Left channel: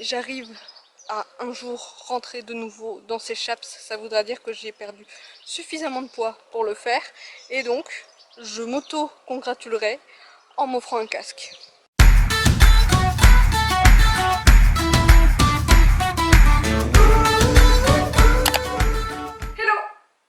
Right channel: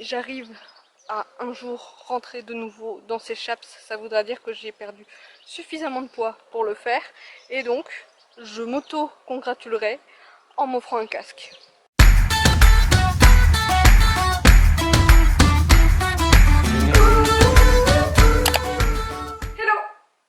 j'arrive à un jour rentrer de nouveau dans ces chaps, ça voudra dire que j'ai perdu suffisamment de poids pour le faire. Et donc, je m'auto-congratulerai en m'offrant un casque. Hello!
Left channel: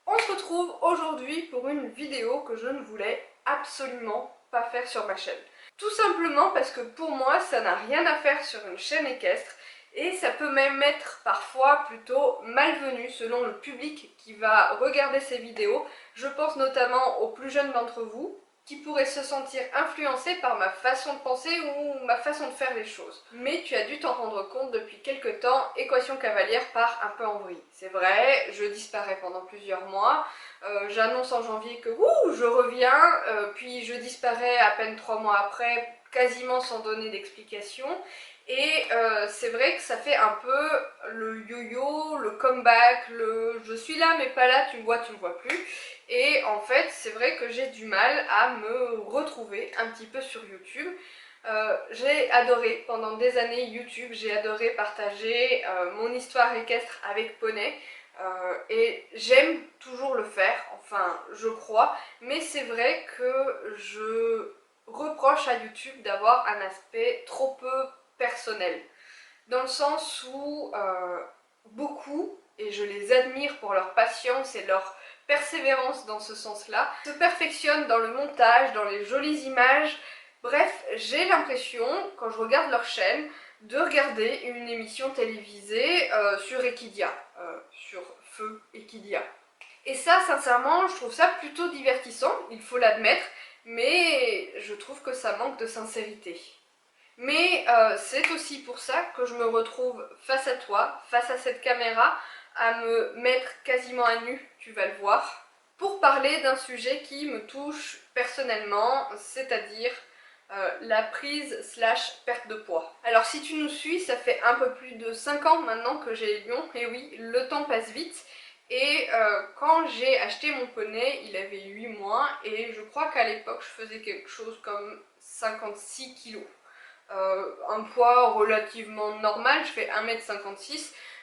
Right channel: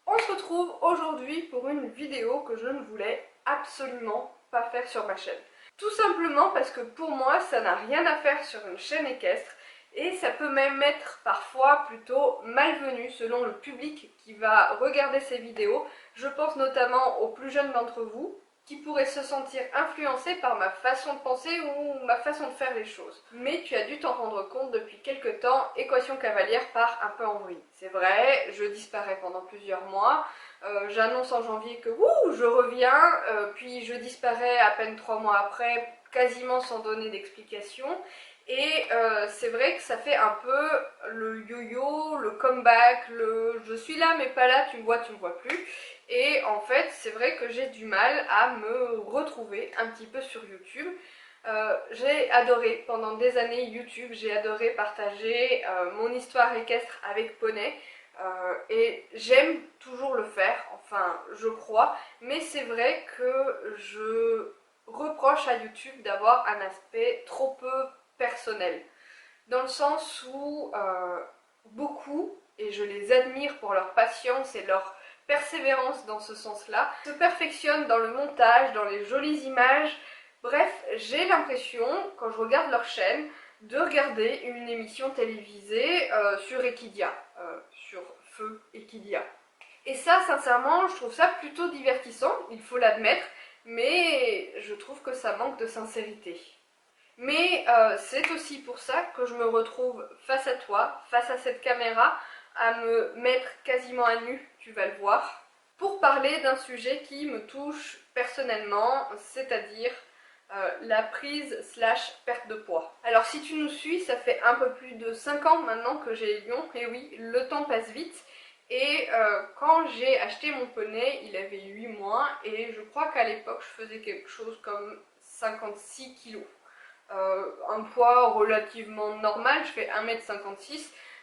On se retrouve aujourd'hui pour une vidéo que je ne voulais absolument pas faire sur ma chaîne. Tout simplement parce que pour moi, ça n'a rien à faire sur une chaîne équestre et ça peut même être parfois plutôt malvenu selon le public qui va regarder ces vidéos. Je pense notamment aux plus jeunes d'entre vous qui pourraient se sentir influencés par ma façon de penser ou ma façon de faire les choses. Mais tu as dû t'en rendre compte depuis quelques temps, Équation cavalière part un peu en vrille. C'est vrai, je disparais pendant plusieurs mois, j'annonce en janvier que je reviens, puis je disparais à peine 3 mois après, quasiment sans donner d'explication. Et c'est vrai que ça fait un peu le yo-yo, le comeback, le je suis là mais pas là, tu me vois plus. Et en fait, c'est vrai que j'ai du mal à me retrouver un petit peu sur YouTube. J'ai adoré pendant des années YouTube, j'ai adoré partager mon histoire équestre avec poney. Et j'aime toujours le faire, enfin je crois, mais c'est vrai que je reproche à YouTube d'avoir un aspect trop peu personnel, dans le sens où beaucoup, et je les admire pour leur patience et leur persévérance dans ce sens-là, se perfectionnent dans le montage, dans les jolies images. Bref, j'ai l'impression, quand je regarde leur chaîne, de regarder une émission télévisée sur Equidia, sur Feu Equidia. Et ça, sincèrement, je trouve ça plutôt divertissant, il faut l'admettre, mais je trouve que ça manque de sincérité. Mais c'est aussi pour ça que je me retrouve face à toi, face à cette caméra, à me mettre quasiment à nu, tu vas le voir, pour parler d'un sujet qui me touche personnellement, c'est-à-dire la prise slash perte de poids. Alors si tu nous suis, ça fait un peu plus de 5 ans maintenant que j'ai Lyon, et oui, le temps passe vite. Et quand j'ai acheté mon poney, il avait 8 mois, et je crois qu'à l'époque, je faisais quelque chose comme 56 kilos. Un poids relativement normal, je fais 1,56 m,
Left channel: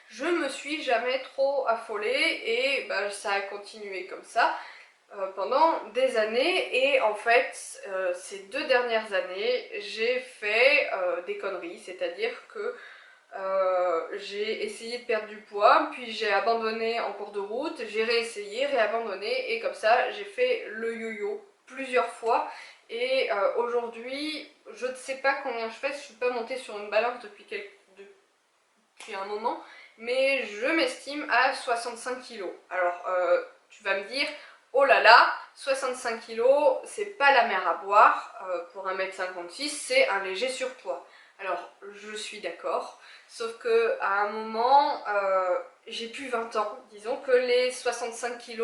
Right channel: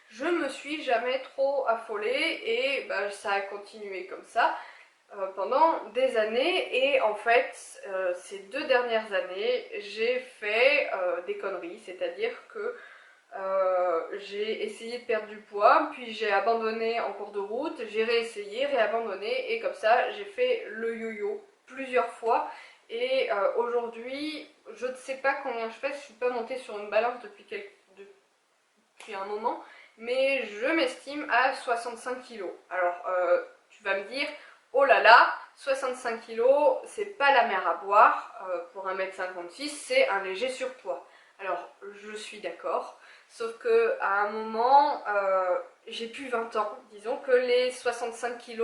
je me suis jamais trop affolée et bah, ça a continué comme ça pendant des années. Et en fait, ces 2 dernières années, j'ai fait des conneries, c'est-à-dire que j'ai essayé de perdre du poids, puis j'ai abandonné en cours de route, j'ai réessayé, réabandonné, et comme ça j'ai fait le yo-yo plusieurs fois. Et aujourd'hui, je ne sais pas combien je fais, je ne suis pas montée sur une balance depuis un moment, mais je m'estime à 65 kg. Alors tu vas me dire, oh là là, 65 kg, c'est pas la mer à boire, pour 1,56 m, c'est un léger surpoids. Alors je suis d'accord, sauf que à un moment, j'ai plus 20 ans, disons que les 65 kg,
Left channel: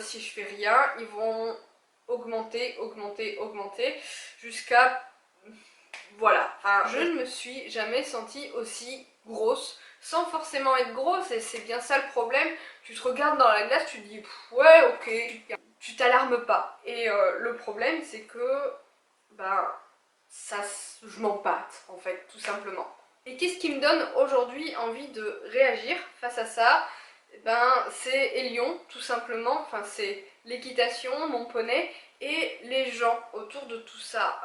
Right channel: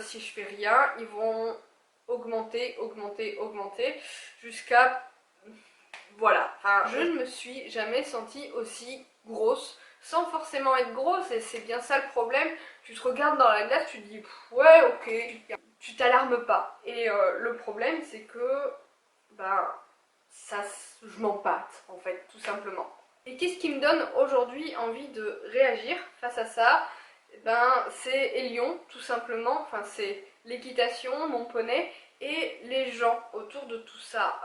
si je fais rien, ils vont augmenter, augmenter, augmenter, jusqu'à... Voilà, enfin, je ne me suis jamais sentie aussi grosse, sans forcément être grosse, et c'est bien ça le problème. Tu te regardes dans la glace, tu te dis, ouais, ok, tu t'alarmes pas. Et le problème, c'est que, ben, ça, je m'empâte, en fait, tout simplement. Et qu'est-ce qui me donne aujourd'hui envie de réagir face à ça? Eh ben, c'est Élion, tout simplement, enfin c'est l'équitation, mon poney, et les gens autour de tout ça.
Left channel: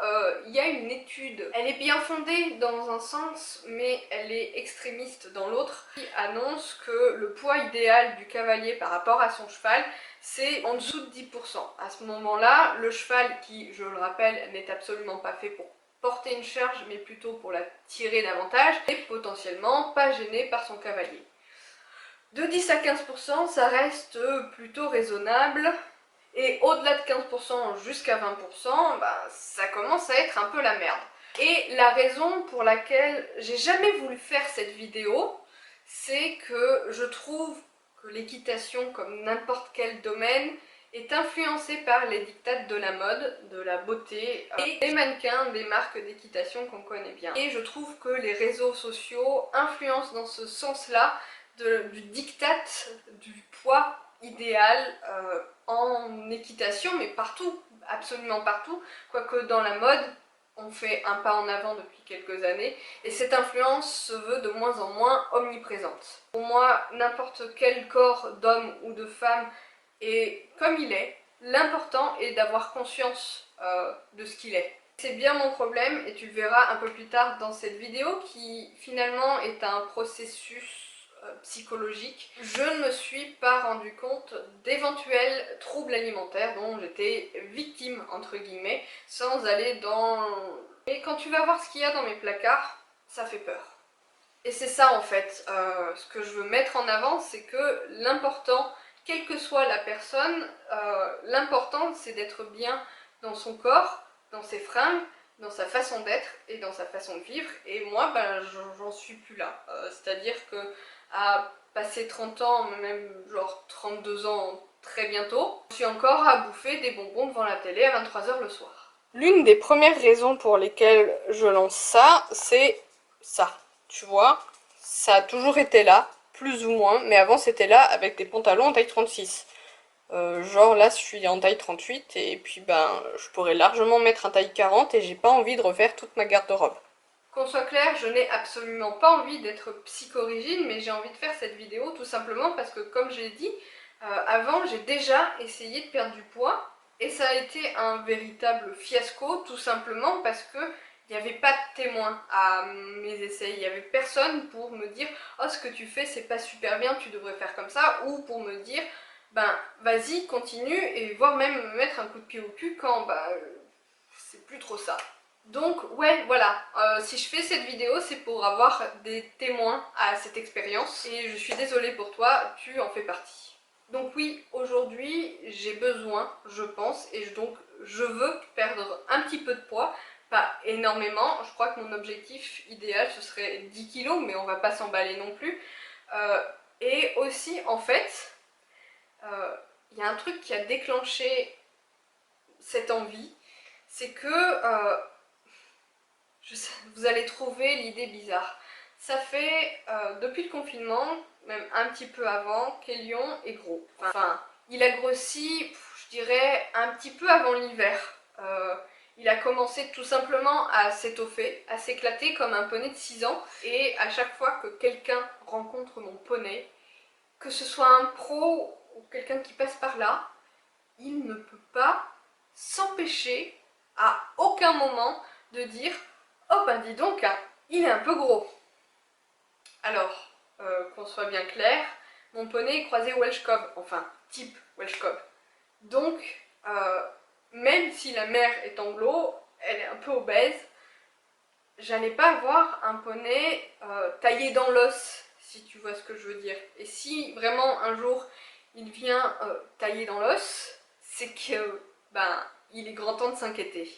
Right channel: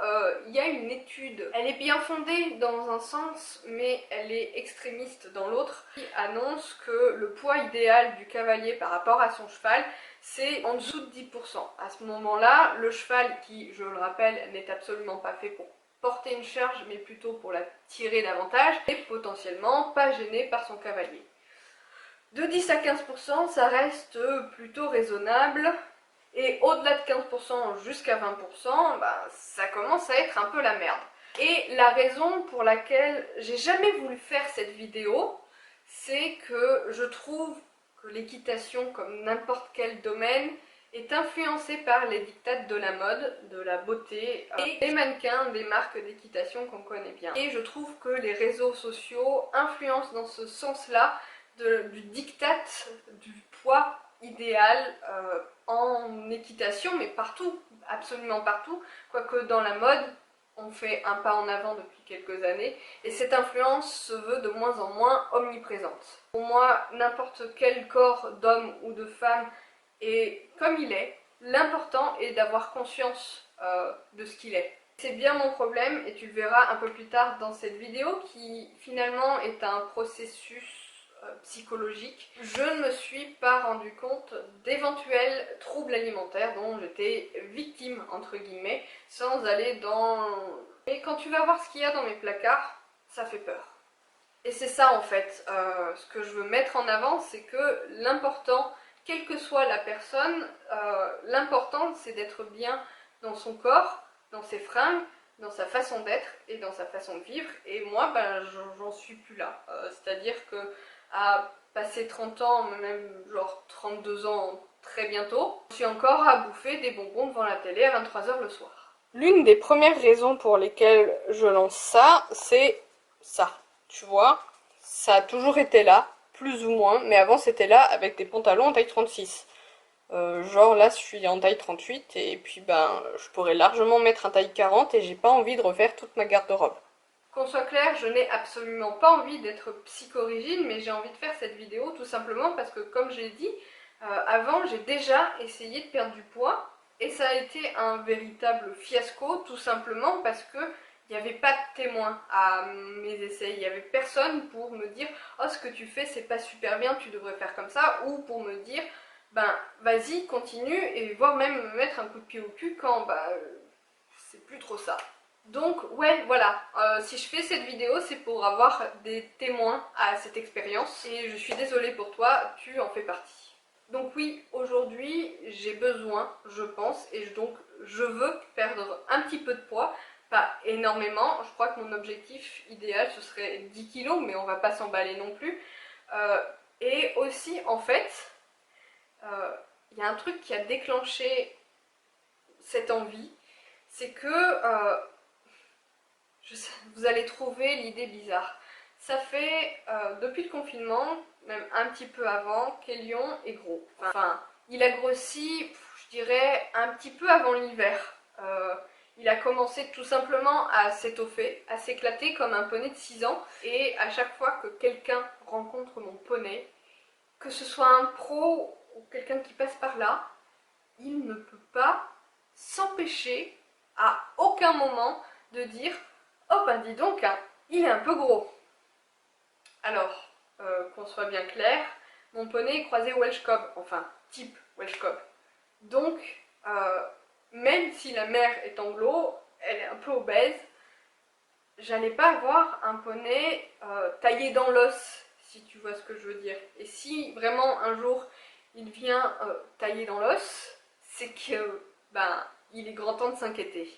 Il y a une étude, elle est bien fondée dans un sens, mais elle est extrémiste dans l'autre, qui annonce que le poids idéal du cavalier par rapport à son cheval, c'est en dessous de 10%. À ce moment-là, le cheval, qui, je le rappelle, n'est absolument pas fait pour porter une charge, mais plutôt pour la tirer davantage, et potentiellement pas gêné par son cavalier. De 10 à 15%, ça reste plutôt raisonnable. Et au-delà de 15% jusqu'à 20%, bah, ça commence à être un peu la merde. Et la raison pour laquelle j'ai jamais voulu faire cette vidéo, c'est que je trouve que l'équitation, comme n'importe quel domaine, est influencée par les dictats de la mode, de la beauté, et les mannequins des marques d'équitation qu'on connaît bien. Et je trouve que les réseaux sociaux influencent dans ce sens-là du diktat du poids idéal en équitation, mais partout, absolument partout, quoique dans la mode, ont fait un pas en avant depuis quelques années et cette influence se veut de moins en moins omniprésente. Pour moi, n'importe quel corps d'homme ou de femme est comme il est. L'important est d'avoir conscience de ce qu'il est. C'est bien mon problème et tu le verras un peu plus tard dans cette vidéo qui finalement est un processus psychologique. Je ne me suis pas rendu compte d'éventuels troubles alimentaires dont j'étais victime entre guillemets sans aller dans... Mais quand tu vas voir ce qu'il y a dans mes placards, ça fait peur. Et c'est ça en fait, ce que je veux mettre en avant, c'est que l'important, quelle que soit la personne, l'important c'est d'être bien dans son corps, dans ses fringues, dans sa façon d'être et dans sa façon de vivre. Et moi, ben, j'en suis plus là. C'est-à-dire que à passer 30 ans, même genre 32 ans très bientôt, je suis encore à bouffer des bonbons devant la télé à 23 h le soir. L'une des premières raisons pour lesquelles je lance ça, c'est ça. Tu vois, ça a toujours été là, plus ou moins, mais avant c'était là avec des pantalons en taille 36. Genre là je suis en taille 38 et puis ben je pourrais largement mettre un taille 40 et j'ai pas envie de refaire toute ma garde-robe. Qu'on soit clair, je n'ai absolument pas envie d'être psychorigide, mais j'ai envie de faire cette vidéo tout simplement parce que comme j'ai dit, avant j'ai déjà essayé de perdre du poids et ça a été un véritable fiasco tout simplement parce que il n'y avait pas de témoin à mes essais, il n'y avait personne pour me dire « Oh, ce que tu fais c'est pas super bien, tu devrais faire comme ça » ou pour me dire « Ben, vas-y, continue » et voire même me mettre un coup de pied au cul quand c'est plus trop ça. Donc ouais, voilà, si je fais cette vidéo, c'est pour avoir des témoins à cette expérience et je suis désolée pour toi, tu en fais partie. Donc oui, aujourd'hui, j'ai besoin, je pense, et donc je veux perdre un petit peu de poids, pas énormément, je crois que mon objectif idéal ce serait 10 kilos, mais on va pas s'emballer non plus. Et aussi, en fait, il y a un truc qui a déclenché cette envie, c'est que vous allez trouver l'idée bizarre. Ça fait, depuis le confinement, même un petit peu avant, qu'Elion est gros. Enfin, il a grossi, je dirais, un petit peu avant l'hiver. Il a commencé tout simplement à s'étoffer, à s'éclater comme un poney de 6 ans. Et à chaque fois que quelqu'un rencontre mon poney, que ce soit un pro ou quelqu'un qui passe par là, il ne peut pas s'empêcher à aucun moment de dire « Oh ben dis donc, hein, il est un peu gros ». Alors, qu'on soit bien clair, mon poney est croisé Welsh Cob, enfin type Welsh Cob. Donc, même si la mère est anglo, elle est un peu obèse, j'allais pas avoir un poney taillé dans l'os, si tu vois ce que je veux dire. Et si vraiment un jour il vient taillé dans l'os, c'est que ben il est grand temps de s'inquiéter.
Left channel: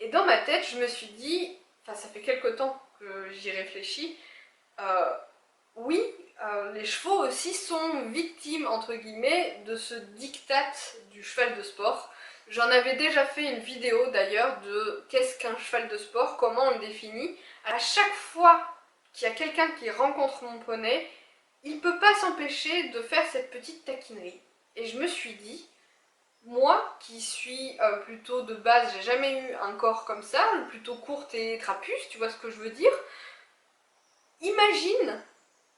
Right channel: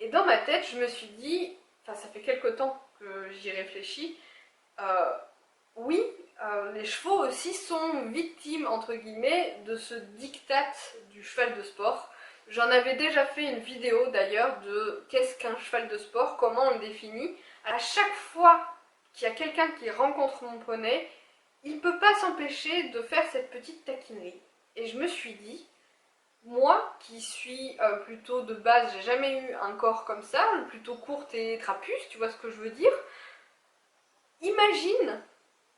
Et dans ma tête, je me suis dit, enfin ça fait quelque temps que j'y réfléchis, oui, les chevaux aussi sont victimes, entre guillemets, de ce diktat du cheval de sport. J'en avais déjà fait une vidéo d'ailleurs de qu'est-ce qu'un cheval de sport, comment on le définit. À chaque fois qu'il y a quelqu'un qui rencontre mon poney, il ne peut pas s'empêcher de faire cette petite taquinerie. Et je me suis dit, moi qui suis plutôt de base, j'ai jamais eu un corps comme ça, plutôt courte et trapuce, tu vois ce que je veux dire? Imagine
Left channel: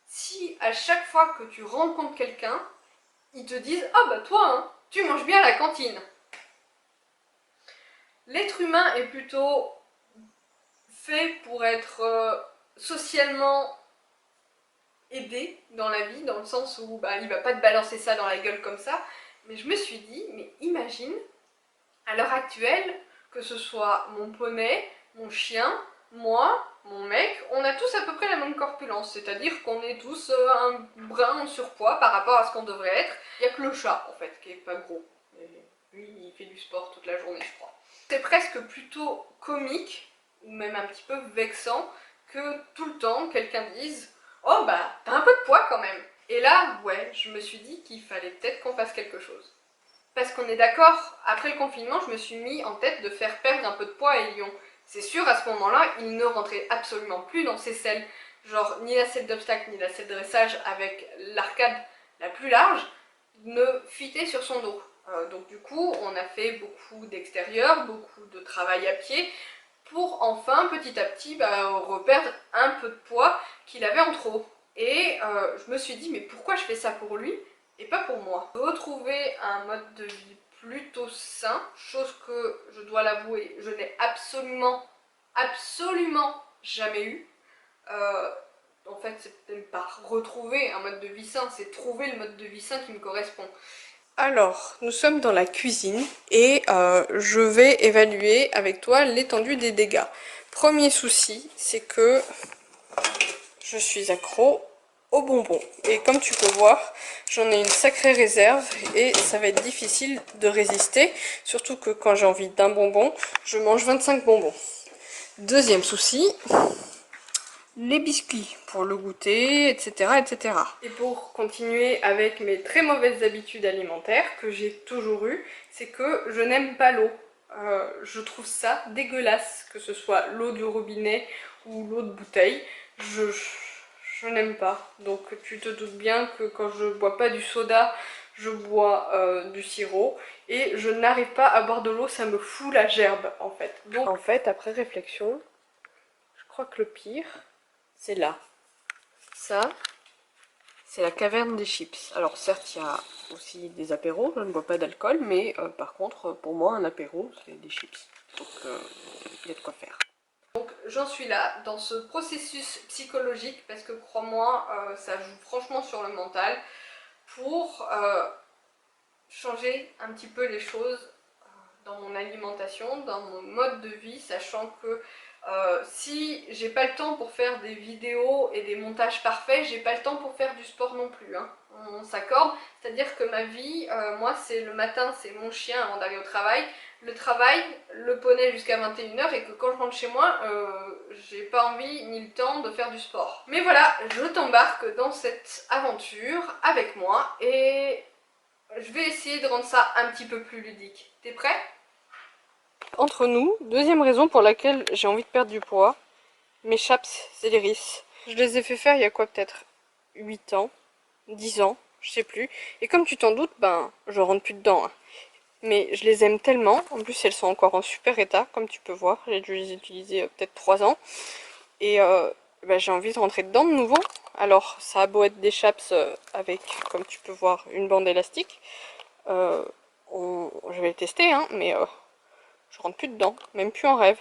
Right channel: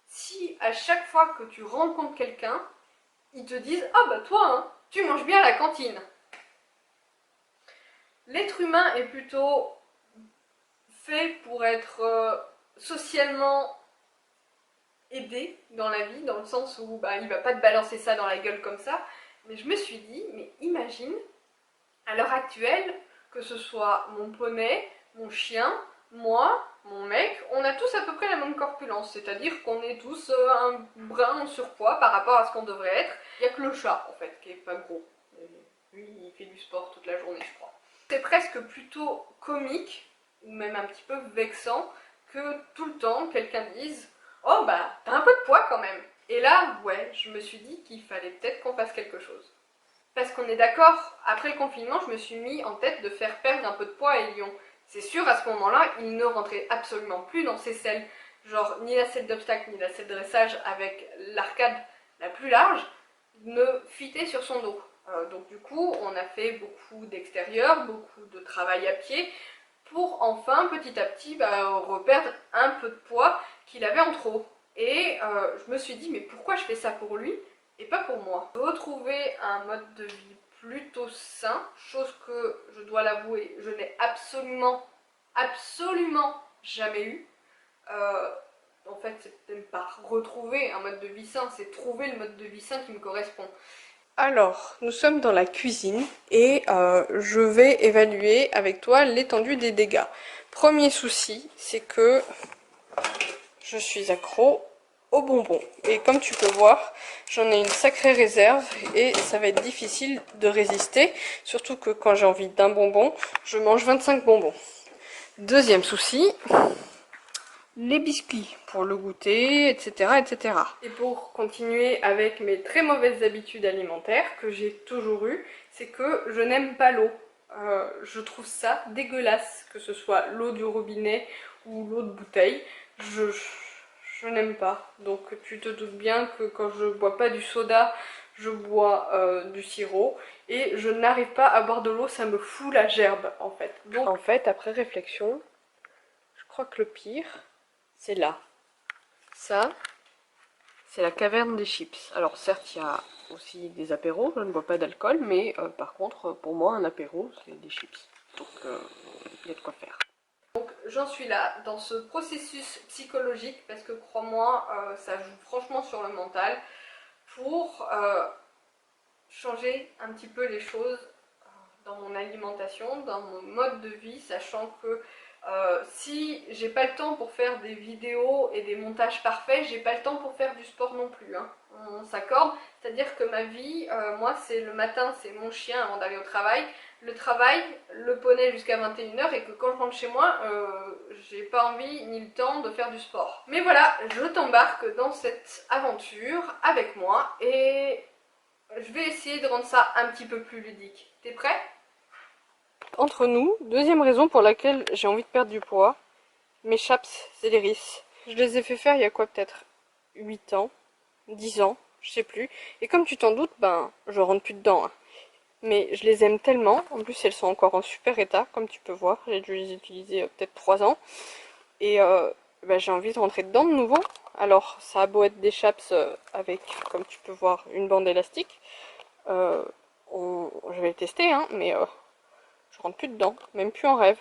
si à chaque fois que tu rencontres quelqu'un, ils te disent « Ah bah toi, hein, tu manges bien à la cantine ». L'être humain est plutôt fait pour être socialement aidé dans la vie, dans le sens où bah, il va pas te balancer ça dans la gueule comme ça. Mais je me suis dit, mais imagine, à l'heure actuelle, que ce soit mon poney, mon chien, moi, mon mec, on a tous à peu près la même corpulence, c'est-à-dire qu'on est tous un brin en surpoids par rapport à ce qu'on devrait être. Il n'y a que le chat, en fait, qui est pas gros. Et lui, il fait du sport toute la journée, je crois. C'est presque plutôt comique, ou même un petit peu vexant, que tout le temps, quelqu'un dise « Oh bah, t'as un peu de poids quand même !» Et là, ouais, je me suis dit qu'il fallait peut-être qu'on fasse quelque chose. Parce qu'on est d'accord, après le confinement, je me suis mis en tête de faire perdre un peu de poids à Elion. C'est sûr, à ce moment-là, il ne rentrait absolument plus dans ses selles. Genre, ni la selle d'obstacle, ni la selle de dressage avec l'arcade la plus large ne fitait sur son dos. Donc du coup, on a fait beaucoup d'extérieur, beaucoup de travail à pied, pour enfin petit à petit reperdre un peu de poids qu'il avait en trop. Et je me suis dit mais pourquoi je fais ça pour lui et pas pour moi? Retrouver un mode de vie plutôt sain, chose que je dois l'avouer, je n'ai absolument jamais eu. En fait, c'est même pas retrouver un mode de vie sain, c'est trouver le mode de vie sain qui me correspond. Alors, nous sommes dans la cuisine et je vais évaluer avec toi l'étendue des dégâts. Premier souci, c'est que je suis accro aux bonbons. Et comme tu peux voir, j'en ai une sacrée réserve et ça va être difficile de résister. Surtout que quand j'ai envie d'un bonbon, je mange 25 bonbons. Deuxième souci, les biscuits pour le goûter, etc., etc. Et pour continuer avec mes très mauvaises habitudes alimentaires que j'ai toujours eues, c'est que je n'aime pas l'eau. Je trouve ça dégueulasse, que ce soit l'eau du robinet ou l'eau de bouteille. Je n'aime pas. Donc tu te doutes bien que quand je bois pas du soda, je bois du sirop. Et je n'arrive pas à boire de l'eau, ça me fout la gerbe en fait. Donc en fait, après réflexion, je crois que le pire, c'est là. Ça, c'est la caverne des chips. Alors certes, il y a aussi des apéros, je ne bois pas d'alcool, mais par contre, pour moi, un apéro, c'est des chips. Donc, il y a de quoi faire. Donc, j'en suis là, dans ce processus psychologique, parce que crois-moi, ça joue franchement sur le mental, pour changer un petit peu les choses dans mon alimentation, dans mon mode de vie, sachant que si j'ai pas le temps pour faire des vidéos et des montages parfaits, j'ai pas le temps pour faire du sport non plus, hein. On s'accorde, c'est-à-dire que ma vie, moi c'est le matin, c'est mon chien avant d'aller au travail, le travail, le poney jusqu'à 21 h et que quand je rentre chez moi, j'ai pas envie ni le temps de faire du sport. Mais voilà, je t'embarque dans cette aventure avec moi et je vais essayer de rendre ça un petit peu plus ludique. T'es prêt? Entre nous, deuxième raison pour laquelle j'ai envie de perdre du poids, mes chaps Céliris. Je les ai fait faire il y a quoi, peut-être 8 ans, 10 ans, je sais plus. Et comme tu t'en doutes, ben je rentre plus dedans, hein. Mais je les aime tellement, en plus elles sont encore en super état, comme tu peux voir. J'ai dû les utiliser peut-être 3 ans. Et ben, j'ai envie de rentrer dedans de nouveau. Alors ça a beau être des chaps avec, comme tu peux voir, une bande élastique. Je vais le tester, hein, mais je rentre plus dedans, même plus en rêve.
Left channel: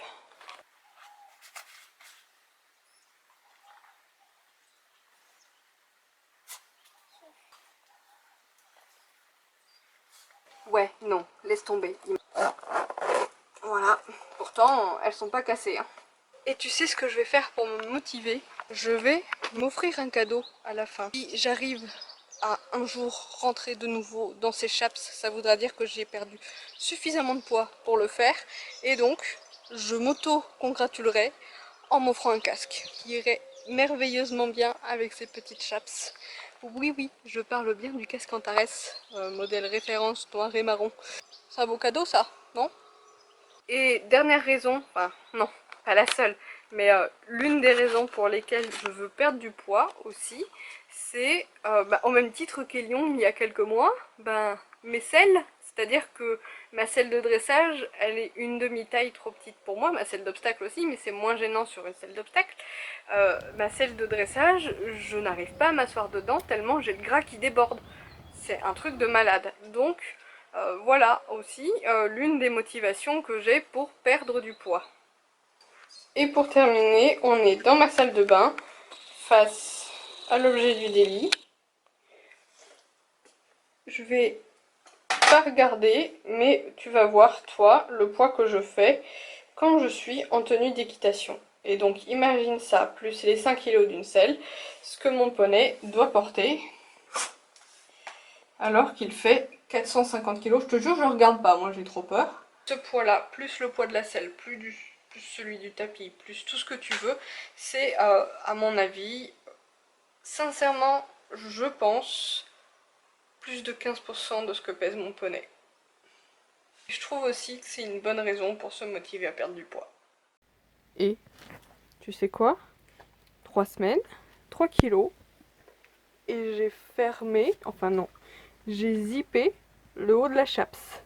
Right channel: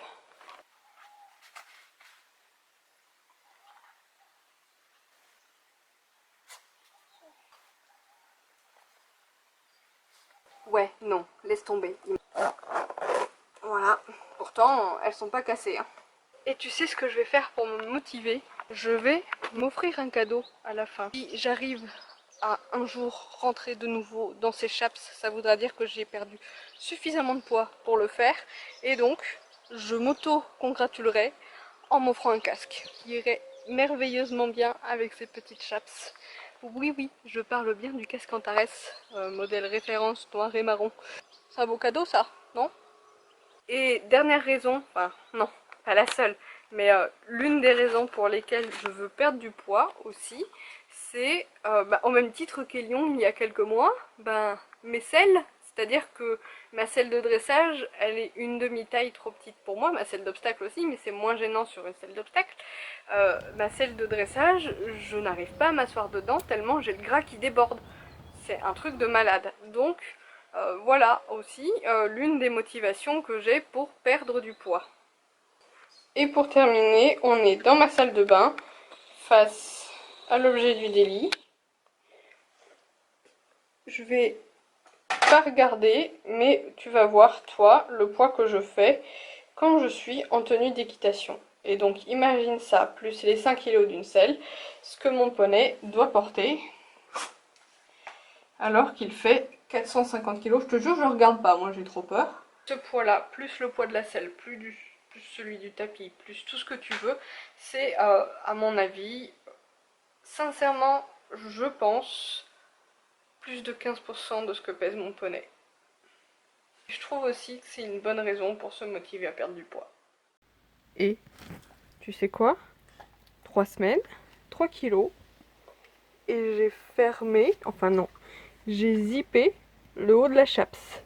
Ouais, non, laisse tomber. Voilà, pourtant elles sont pas cassées, hein. Et tu sais ce que je vais faire pour me motiver? Je vais m'offrir un cadeau à la fin. Si j'arrive à un jour rentrer de nouveau dans ces chaps, ça voudra dire que j'ai perdu suffisamment de poids pour le faire. Et donc, je m'auto-congratulerai en m'offrant un casque qui irait merveilleusement bien avec ces petites chaps. Oui, oui, je parle bien du casque Antares, modèle référence noir et marron. C'est un beau cadeau ça, non? Et dernière raison, enfin non, pas la seule, mais l'une des raisons pour lesquelles je veux perdre du poids aussi, c'est au même titre qu'Elion il y a quelques mois, mes selles, c'est-à-dire que ma selle de dressage, elle est une demi-taille trop petite pour moi, ma selle d'obstacle aussi, mais c'est moins gênant sur une selle d'obstacle. Ma selle de dressage, je n'arrive pas à m'asseoir dedans tellement j'ai le gras qui déborde. C'est un truc de malade. Donc voilà aussi l'une des motivations que j'ai pour perdre du poids. Et pour terminer, on est dans ma salle de bain, face à l'objet du délit. Je vais pas regarder, mais tu vas voir, toi, le poids que je fais quand je suis en tenue d'équitation. Et donc imagine ça, plus les 5 kg d'une selle, ce que mon poney doit porter, alors qu'il fait 450 kg. Je te jure, je regarde pas, moi j'ai trop peur. Ce poids-là, plus le poids de la selle, plus celui du tapis, plus tout ce que tu veux, c'est à mon avis, sincèrement, je pense, plus de 15% de ce que pèse mon poney. Je trouve aussi que c'est une bonne raison pour se motiver à perdre du poids. Et tu sais quoi? 3 semaines, 3 kilos, et j'ai fermé, enfin non, j'ai zippé le haut de la chaps.